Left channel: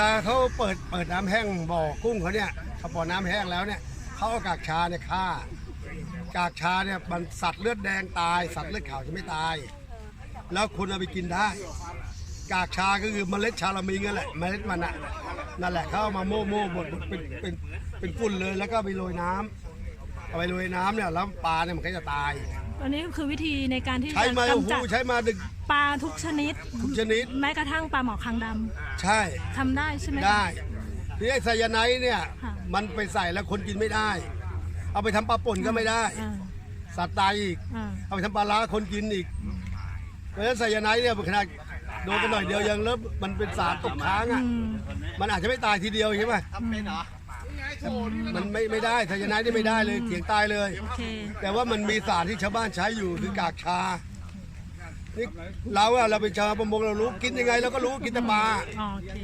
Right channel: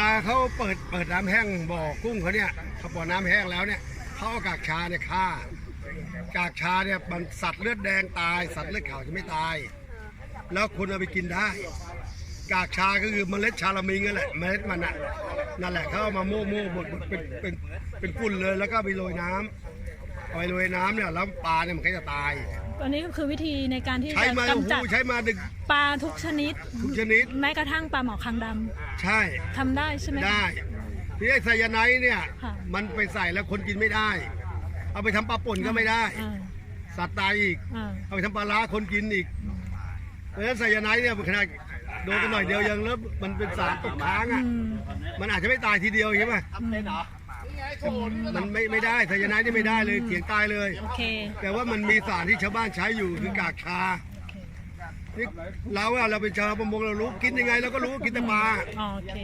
แต่เขาเปิดเปิดน้ำแห้งบ่อกุ้งเขาเนี่ยเขาบ่อน้ำแห้งแล้วเนี่ยเขาเอากากชาเนี่ยฆ่ากากชาเนี่ยมันสัตว์เลือดแดงตาย สัตว์เลือดขาวจะไม่ตาย แล้วคนเอาไปกินได้กากชาก็คือเมล็ดชาลามิงนั่นแหละเมล็ดมันน่ะนั่นแหละเขาเอามาโม่โม่บดบดเป็นเป็นเป็นฝุ่นเลยแล้วก็ไปโรยน้ำเอา ไปโรยน้ำเนี่ยแล้วปลาเนี่ยมันก็จะตายอันนี้คือวิธีในการที่ใช้จะมาโอ้กำโหจัดใช้มาดึกปลาทุกชนิด ทุกชนิดแม้กระทั่งปลาหมอคางดำใช่ทำได้ใช่ไหมคะ ได้ที่ไอ้ไซยาไนด์เนี่ย ค่ะ มันไปใส่แล้วคนกินไม่ได้ เอาไปทำปลาป่นก็ไม่ได้ อ่าสัตว์ตายอีก อ่า เอาไปทำปลาล้าคนกินอีก เพราะฉะนั้นไซยาไนด์เนี่ยขนาดโดนกันหน่อยเดียวยังแล้วมันเป็นสารตกค้างอะ อืม มันอาจจะไม่ตายทีเดียวใช่ไหม มันไม่ไม่ได้ไซยาไนด์นี่ไม่ได้เลยเถียงตายเลย โอเค แต่ว่ามันมีสารที่ชาวบ้านใช้อยู่คือกากชานี่เราอะเราเป็นชาวประมงเรารู้กินยังไงเราก็รู้กินแต่ปลา อ๋อโอเค